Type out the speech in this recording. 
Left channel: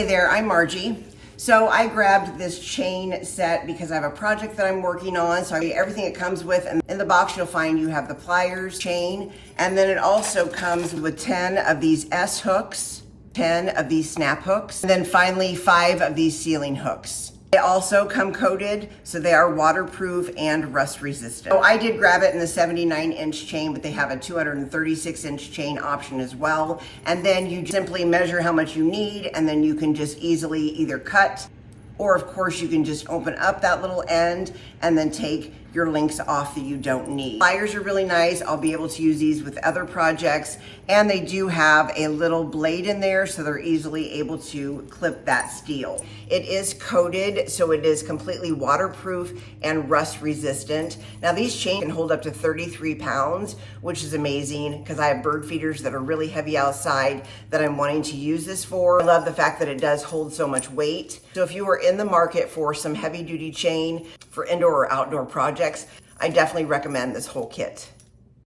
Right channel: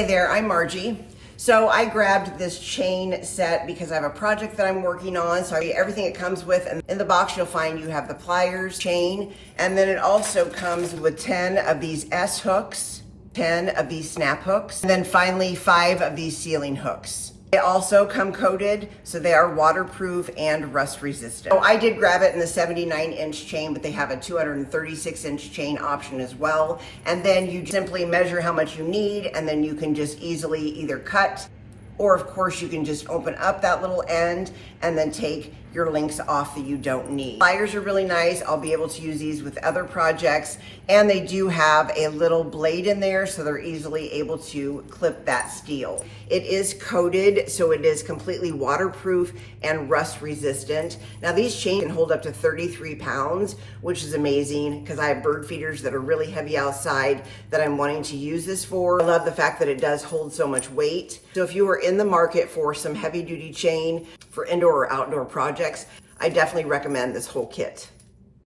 Hey there, I'm Margie. So I grabbed this chain set because I have a project that I'm working on. So everything it comes with, and in the box you'll find you have the pliers, chain, and then it also comes with 10 of these S hooks, 10 of these snap hooks, and then finally 5 of these ceiling hooks. They also come coated, so they are waterproof and rust resistant. So I did grab it in the 79-inch chain, but they have a 236-inch chain option as well. And then you simply measure how much you need, and then you can just easily either cut, or of course you can just open up that little end and then take your links off that you don't need. Pliers are really nice. I'll be able to use these with other projects, and they do have a little blade in there, so they're easily able to clip that steel. It is coated, so it is completely waterproof and rust resistant. Now these chains can hold up to 33 pounds, which is amazing because I have bird feeders that are really heavy outside that I'm wanting to use this for. I love the fact that it does hold so much weight. So if you are in the market for some heavy duty chain for indoor or outdoor projects, I definitely recommend this whole kit.